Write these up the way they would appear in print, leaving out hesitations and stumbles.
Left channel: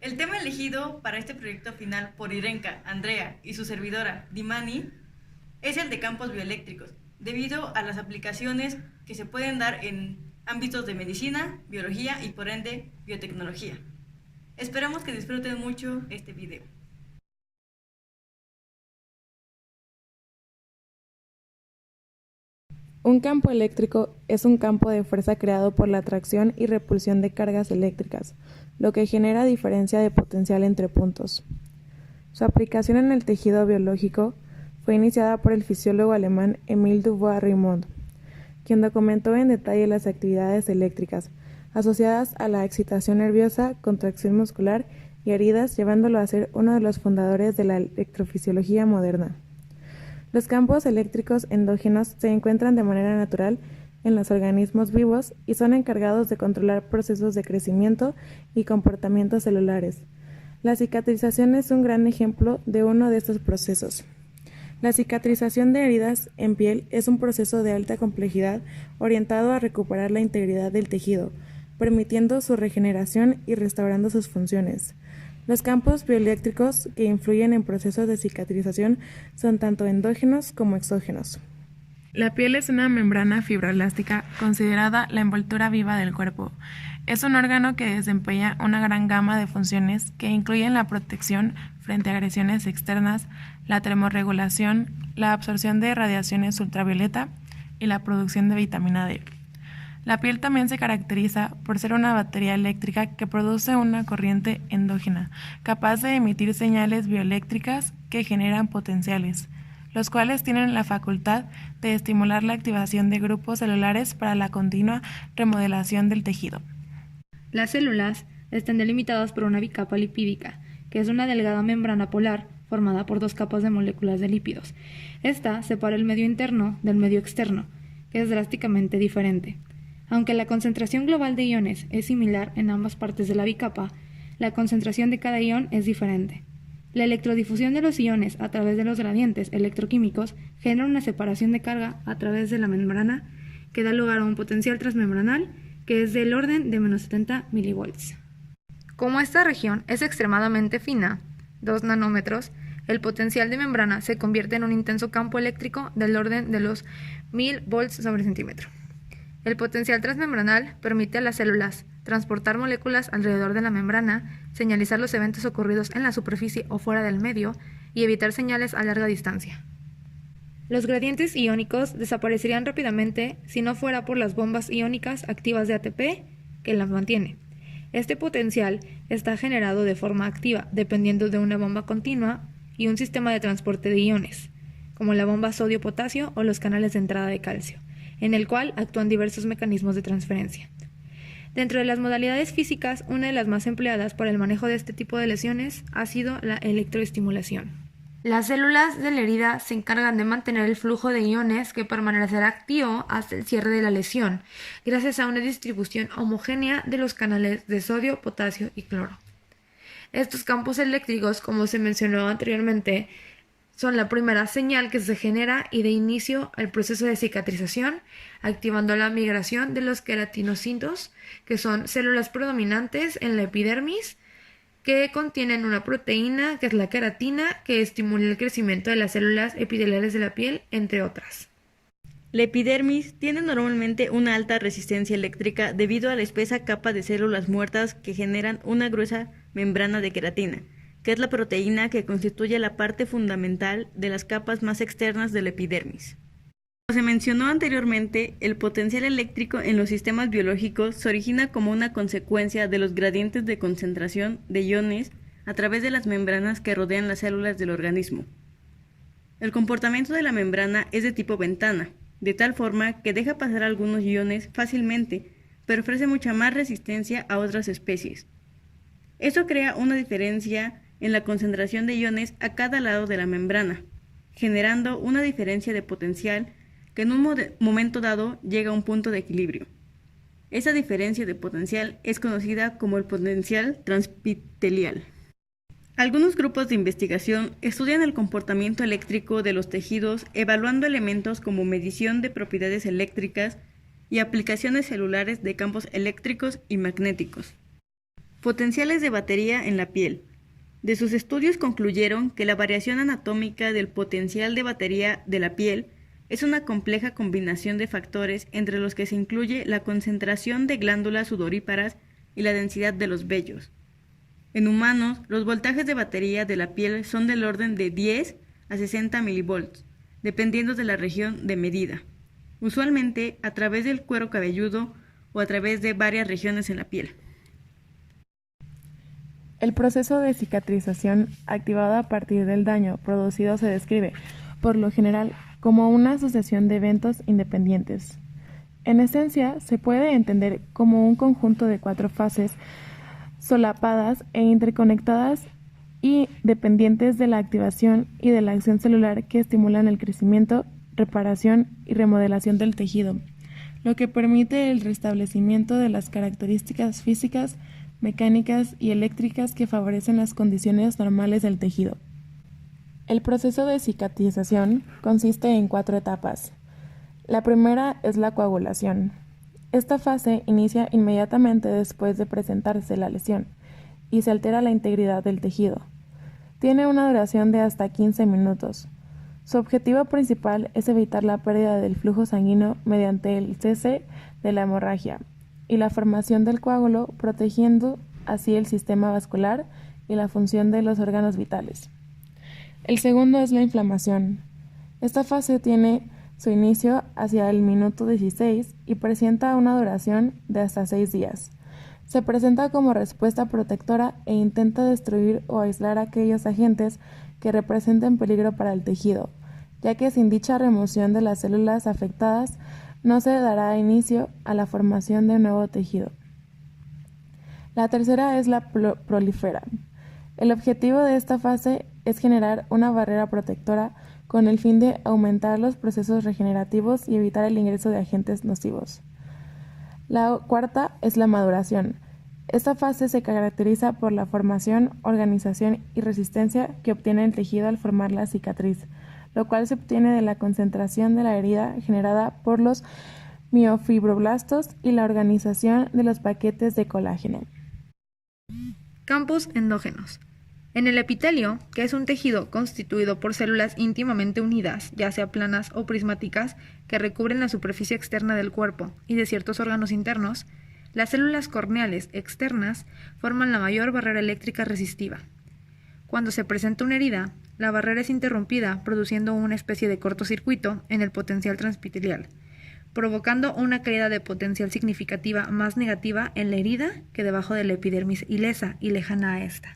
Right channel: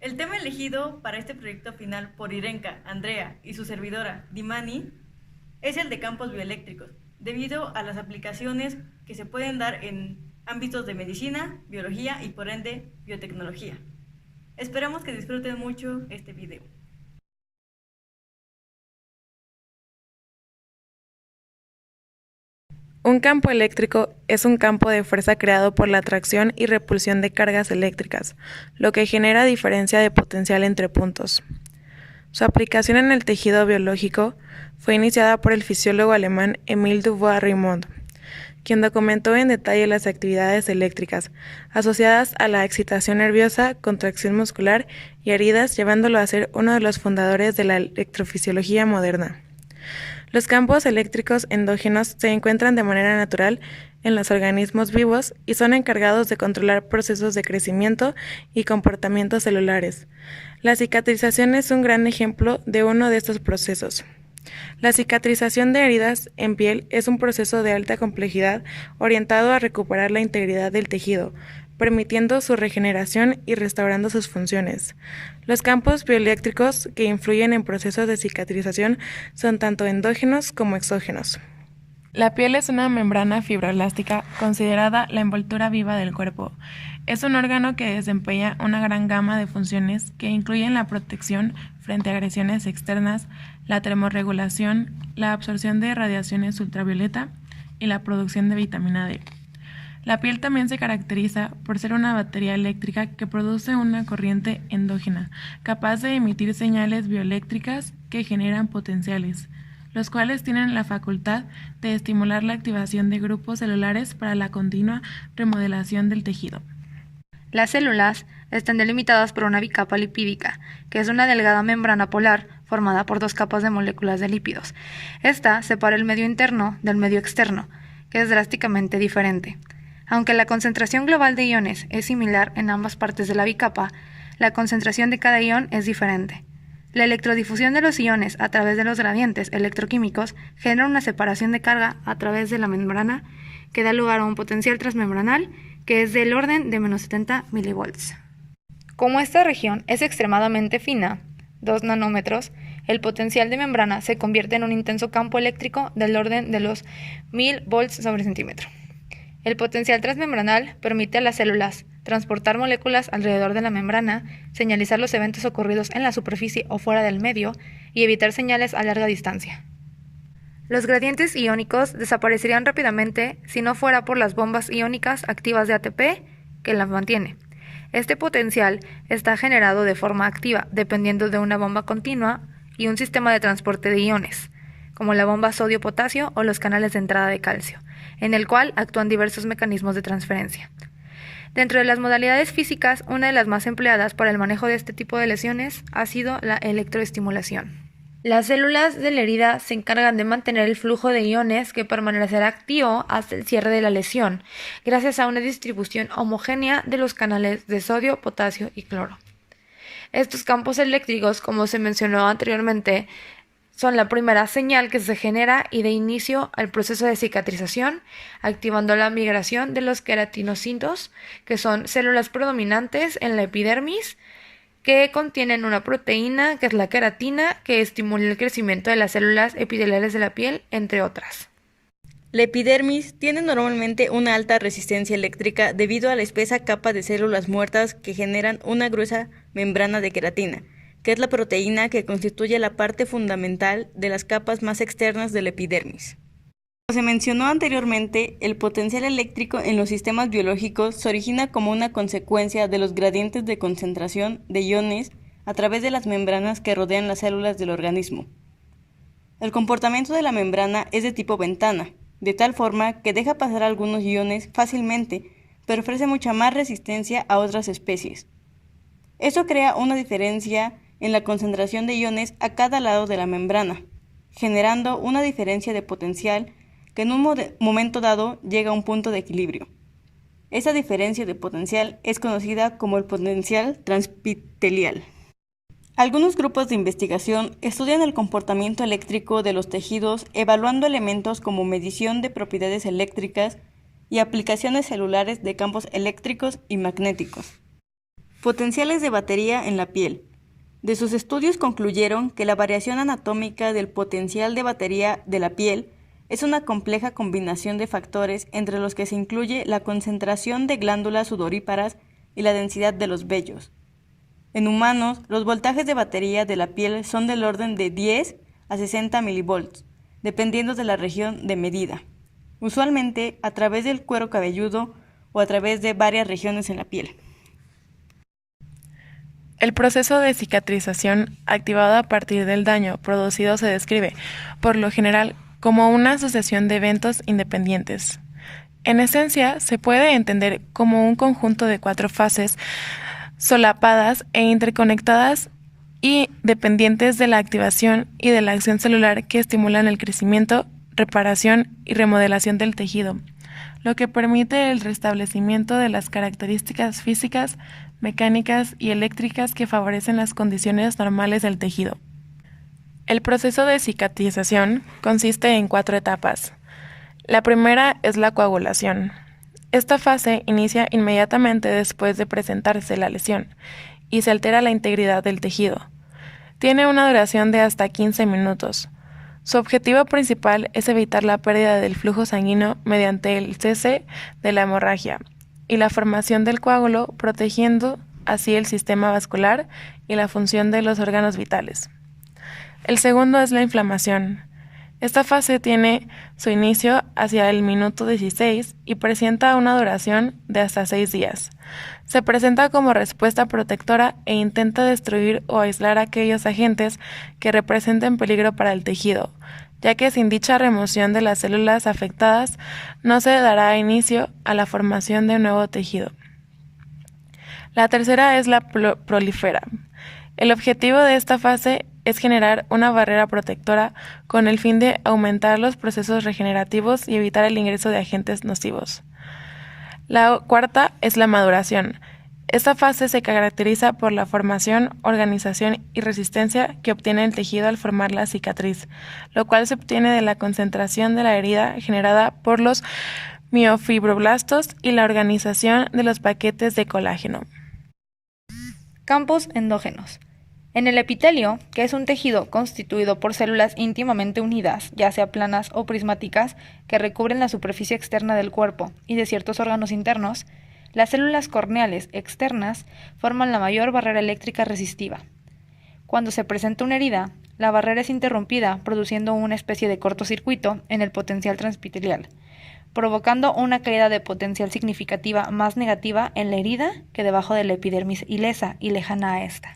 El tema elegido para este proyecto final por Irenka, Andrea y su servidora, Dimani, es el de campos bioeléctricos, debido a las aplicaciones que se pueden dar en ámbitos de medicina, biología y por ende biotecnología. Esperamos que disfruten mucho este video. Un campo eléctrico es un campo de fuerza creado por la atracción y repulsión de cargas eléctricas, lo que genera diferencia de potencial entre puntos. Su aplicación en el tejido biológico fue iniciada por el fisiólogo alemán Émile Dubois-Reymond, quien documentó en detalle las actividades eléctricas asociadas a la excitación nerviosa, contracción muscular y heridas, llevándolo a ser uno de los fundadores de la electrofisiología moderna. Los campos eléctricos endógenos se encuentran de manera natural en los organismos vivos y son encargados de controlar procesos de crecimiento y comportamientos celulares. La cicatrización es un gran ejemplo de uno de estos procesos. La cicatrización de heridas en piel es un proceso de alta complejidad orientado a recuperar la integridad del tejido, permitiendo su regeneración y restaurando sus funciones. Los campos bioeléctricos que influyen en procesos de cicatrización son tanto endógenos como exógenos. La piel es una membrana fibroelástica considerada la envoltura viva del cuerpo. Es un órgano que desempeña una gran gama de funciones que incluyen la protección frente a agresiones externas, la termorregulación, la absorción de radiaciones ultravioleta y la producción de vitamina D. La piel también se caracteriza por ser una batería eléctrica que produce una corriente endógena, capaz de emitir señales bioeléctricas que generan potenciales, los cuales tienen la facultad de estimular la activación de grupos celulares para la continua remodelación del tejido. Las células están delimitadas por una bicapa lipídica, que es una delgada membrana polar formada por dos capas de moléculas de lípidos. Esta separa el medio interno del medio externo, que es drásticamente diferente. Aunque la concentración global de iones es similar en ambas partes de la bicapa, la concentración de cada ion es diferente. La electrodifusión de los iones a través de los gradientes electroquímicos genera una separación de carga a través de la membrana que da lugar a un potencial transmembranal que es del orden de menos 70 milivolts. Como esta región es extremadamente fina, 2 nanómetros, el potencial de membrana se convierte en un intenso campo eléctrico del orden de los 1000 volts sobre centímetro. El potencial transmembranal permite a las células transportar moléculas alrededor de la membrana, señalizar los eventos ocurridos en la superficie o fuera del medio y evitar señales a larga distancia. Los gradientes iónicos desaparecerían rápidamente si no fuera por las bombas iónicas activas de ATP que las mantiene. Este potencial está generado de forma activa dependiendo de una bomba continua y un sistema de transporte de iones, como la bomba sodio-potasio o los canales de entrada de calcio, en el cual actúan diversos mecanismos de transferencia. Dentro de las modalidades físicas, una de las más empleadas para el manejo de este tipo de lesiones ha sido la electroestimulación. Las células de la herida se encargan de mantener el flujo de iones que permanecerá activo hasta el cierre de la lesión, gracias a una distribución homogénea de los canales de sodio, potasio y cloro. Estos campos eléctricos, como se mencionó anteriormente, son la primera señal que se genera y de inicio al proceso de cicatrización, activando la migración de los queratinocitos, que son células predominantes en la epidermis, que contienen una proteína, que es la queratina, que estimula el crecimiento de las células epiteliales de la piel, entre otras. La epidermis tiene normalmente una alta resistencia eléctrica debido a la espesa capa de células muertas que generan una gruesa membrana de queratina, que es la proteína que constituye la parte fundamental de las capas más externas de la epidermis. Como se mencionó anteriormente, el potencial eléctrico en los sistemas biológicos se origina como una consecuencia de los gradientes de concentración de iones a través de las membranas que rodean las células del organismo. El comportamiento de la membrana es de tipo ventana, de tal forma que deja pasar algunos iones fácilmente, pero ofrece mucha más resistencia a otras especies. Esto crea una diferencia en la concentración de iones a cada lado de la membrana, generando una diferencia de potencial que en un momento dado llega a un punto de equilibrio. Esa diferencia de potencial es conocida como el potencial transpitelial. Algunos grupos de investigación estudian el comportamiento eléctrico de los tejidos evaluando elementos como medición de propiedades eléctricas y aplicaciones celulares de campos eléctricos y magnéticos. Potenciales de batería en la piel. De sus estudios concluyeron que la variación anatómica del potencial de batería de la piel es una compleja combinación de factores entre los que se incluye la concentración de glándulas sudoríparas y la densidad de los vellos. En humanos, los voltajes de batería de la piel son del orden de 10 a 60 milivolts, dependiendo de la región de medida, usualmente a través del cuero cabelludo o a través de varias regiones en la piel. El proceso de cicatrización activado a partir del daño producido se describe, por lo general, como una sucesión de eventos independientes. En esencia, se puede entender como un conjunto de 4 fases solapadas e interconectadas y dependientes de la activación y de la acción celular que estimulan el crecimiento, reparación y remodelación del tejido, lo que permite el restablecimiento de las características físicas, mecánicas y eléctricas que favorecen las condiciones normales del tejido. El proceso de cicatrización consiste en 4 etapas. La primera es la coagulación. Esta fase inicia inmediatamente después de presentarse la lesión y se altera la integridad del tejido. Tiene una duración de hasta 15 minutos. Su objetivo principal es evitar la pérdida del flujo sanguíneo mediante el cese de la hemorragia y la formación del coágulo, protegiendo así el sistema vascular y la función de los órganos vitales. El segundo es la inflamación. Esta fase tiene su inicio hacia el minuto 16 y presenta una duración de hasta 6 días. Se presenta como respuesta protectora e intenta destruir o aislar aquellos agentes que representen peligro para el tejido, ya que sin dicha remoción de las células afectadas no se dará inicio a la formación de un nuevo tejido. La tercera es la prolifera. El objetivo de esta fase es generar una barrera protectora con el fin de aumentar los procesos regenerativos y evitar el ingreso de agentes nocivos. La cuarta es la maduración. Esta fase se caracteriza por la formación, organización y resistencia que obtiene el tejido al formar la cicatriz, lo cual se obtiene de la concentración de la herida generada por los miofibroblastos y la organización de los paquetes de colágeno. Campos endógenos. En el epitelio, que es un tejido constituido por células íntimamente unidas, ya sea planas o prismáticas, que recubren la superficie externa del cuerpo y de ciertos órganos internos, las células corneales externas forman la mayor barrera eléctrica resistiva. Cuando se presenta una herida, la barrera es interrumpida produciendo una especie de cortocircuito en el potencial transepitelial, provocando una caída de potencial significativa más negativa en la herida que debajo de la epidermis ilesa y lejana a esta.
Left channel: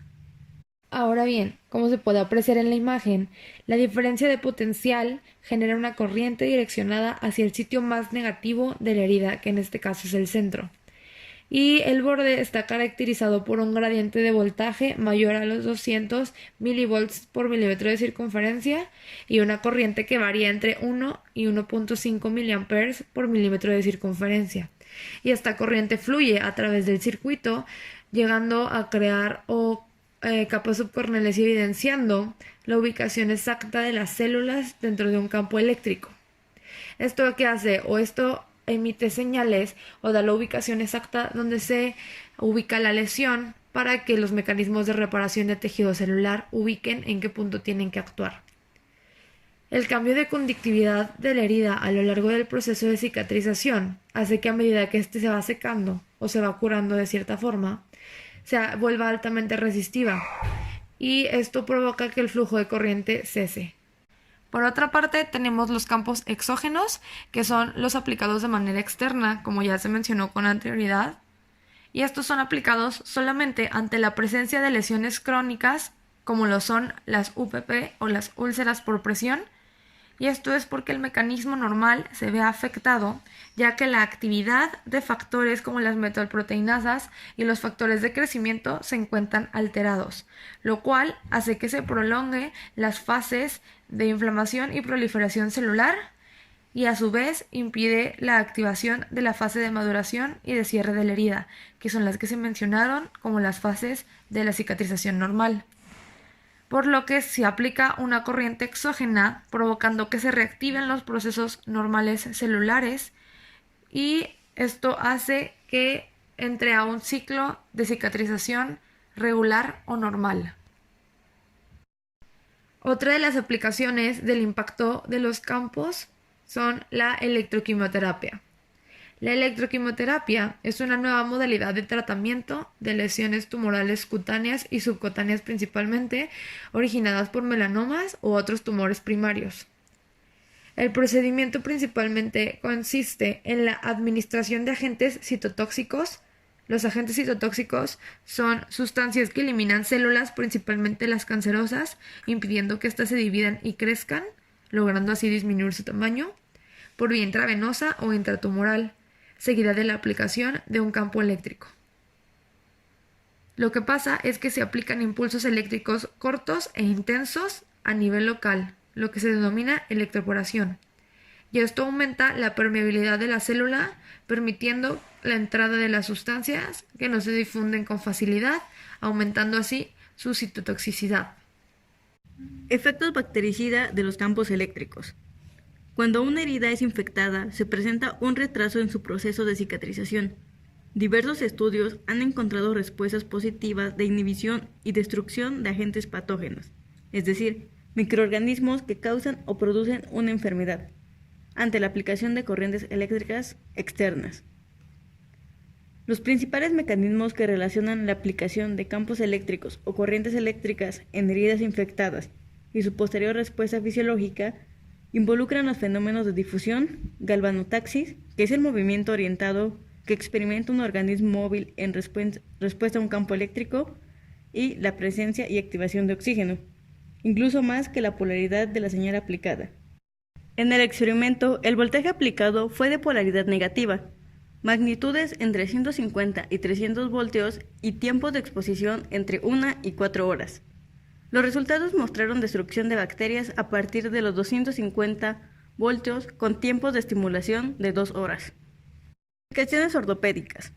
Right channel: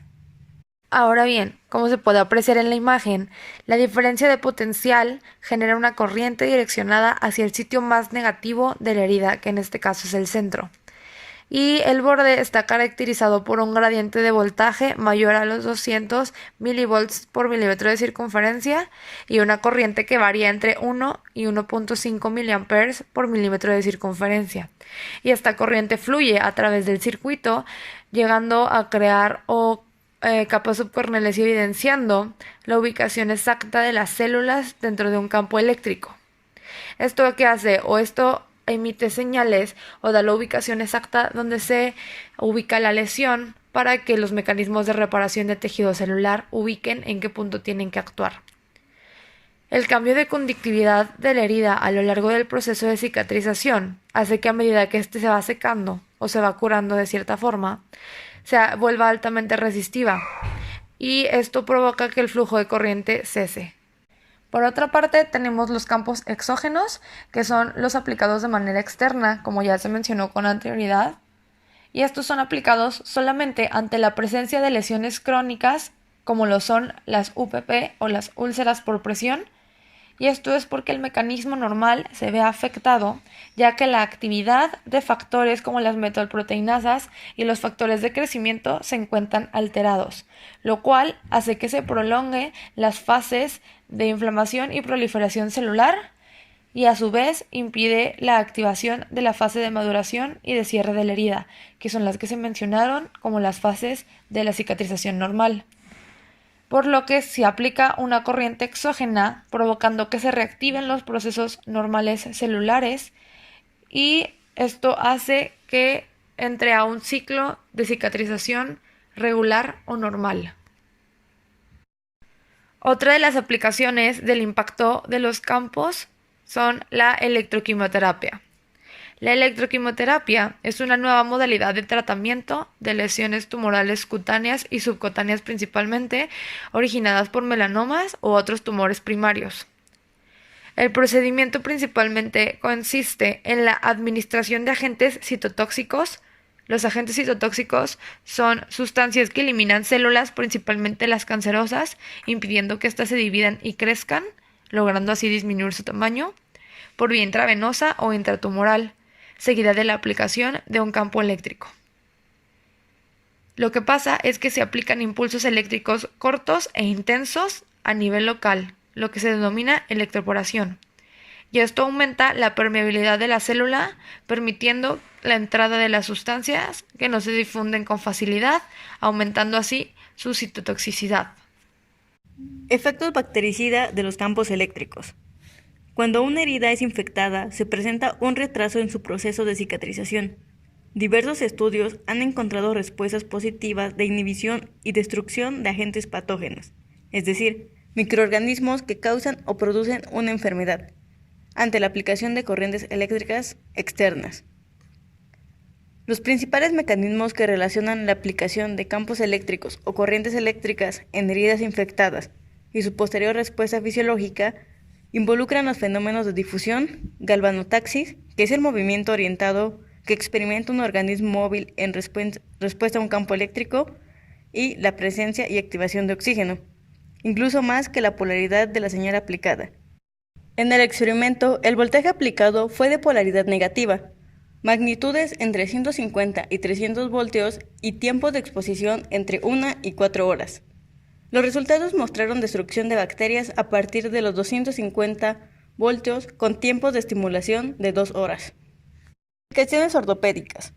Ahora bien, como se puede apreciar en la imagen, la diferencia de potencial genera una corriente direccionada hacia el sitio más negativo de la herida, que en este caso es el centro. Y el borde está caracterizado por un gradiente de voltaje mayor a los 200 milivolts por milímetro de circunferencia y una corriente que varía entre 1 y 1.5 miliamperes por milímetro de circunferencia. Y esta corriente fluye a través del circuito, llegando a crear capas subcorneales y evidenciando la ubicación exacta de las células dentro de un campo eléctrico. ¿Esto qué hace? Esto emite señales o da la ubicación exacta donde se ubica la lesión para que los mecanismos de reparación de tejido celular ubiquen en qué punto tienen que actuar. El cambio de conductividad de la herida a lo largo del proceso de cicatrización hace que a medida que éste se va secando o se va curando de cierta forma, se vuelva altamente resistiva y esto provoca que el flujo de corriente cese. Por otra parte, tenemos los campos exógenos, que son los aplicados de manera externa, como ya se mencionó con anterioridad, y estos son aplicados solamente ante la presencia de lesiones crónicas, como lo son las UPP o las úlceras por presión, y esto es porque el mecanismo normal se ve afectado, ya que la actividad de factores como las metalproteinasas y los factores de crecimiento se encuentran alterados, lo cual hace que se prolongue las fases de inflamación y proliferación celular y a su vez impide la activación de la fase de maduración y de cierre de la herida, que son las que se mencionaron como las fases de la cicatrización normal. Por lo que se aplica una corriente exógena provocando que se reactiven los procesos normales celulares y esto hace que entre a un ciclo de cicatrización regular o normal. Otra de las aplicaciones del impacto de los campos son la electroquimioterapia. La electroquimioterapia es una nueva modalidad de tratamiento de lesiones tumorales cutáneas y subcutáneas principalmente, originadas por melanomas u otros tumores primarios. El procedimiento principalmente consiste en la administración de agentes citotóxicos. Los agentes citotóxicos son sustancias que eliminan células, principalmente las cancerosas, impidiendo que éstas se dividan y crezcan, logrando así disminuir su tamaño, por vía intravenosa o intratumoral, seguida de la aplicación de un campo eléctrico. Lo que pasa es que se aplican impulsos eléctricos cortos e intensos a nivel local, lo que se denomina electroporación. Y esto aumenta la permeabilidad de la célula, permitiendo la entrada de las sustancias que no se difunden con facilidad, aumentando así su citotoxicidad. Efectos bactericida de los campos eléctricos. Cuando una herida es infectada, se presenta un retraso en su proceso de cicatrización. Diversos estudios han encontrado respuestas positivas de inhibición y destrucción de agentes patógenos, es decir, microorganismos que causan o producen una enfermedad, ante la aplicación de corrientes eléctricas externas. Los principales mecanismos que relacionan la aplicación de campos eléctricos o corrientes eléctricas en heridas infectadas y su posterior respuesta fisiológica involucran los fenómenos de difusión, galvanotaxis, que es el movimiento orientado que experimenta un organismo móvil en respuesta a un campo eléctrico, y la presencia y activación de oxígeno, incluso más que la polaridad de la señal aplicada. En el experimento, el voltaje aplicado fue de polaridad negativa, magnitudes entre 150 y 300 voltios y tiempo de exposición entre 1 y 4 horas. Los resultados mostraron destrucción de bacterias a partir de los 250 voltios con tiempos de estimulación de 2 horas. Aplicaciones ortopédicas.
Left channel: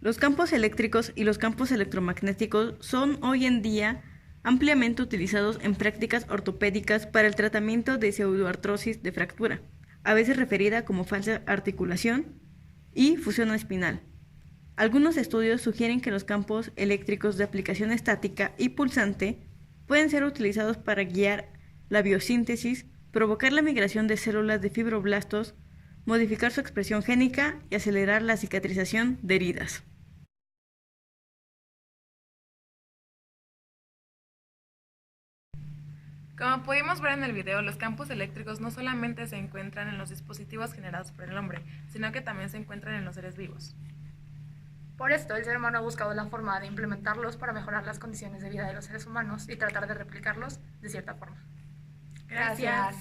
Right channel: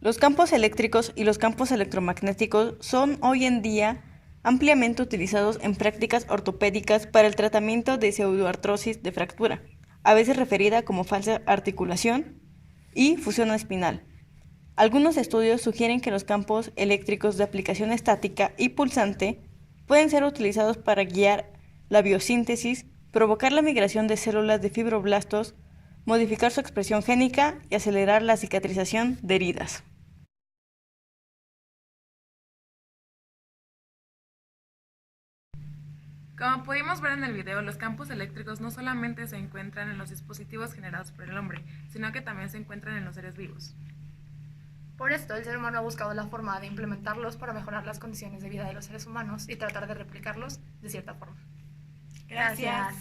Los campos eléctricos y los campos electromagnéticos son hoy en día ampliamente utilizados en prácticas ortopédicas para el tratamiento de pseudoartrosis de fractura, a veces referida como falsa articulación, y fusión espinal. Algunos estudios sugieren que los campos eléctricos de aplicación estática y pulsante pueden ser utilizados para guiar la biosíntesis, provocar la migración de células de fibroblastos, modificar su expresión génica y acelerar la cicatrización de heridas. Como pudimos ver en el video, los campos eléctricos no solamente se encuentran en los dispositivos generados por el hombre, sino que también se encuentran en los seres vivos. Por esto, el ser humano ha buscado la forma de implementarlos para mejorar las condiciones de vida de los seres humanos y tratar de replicarlos de cierta forma. Gracias.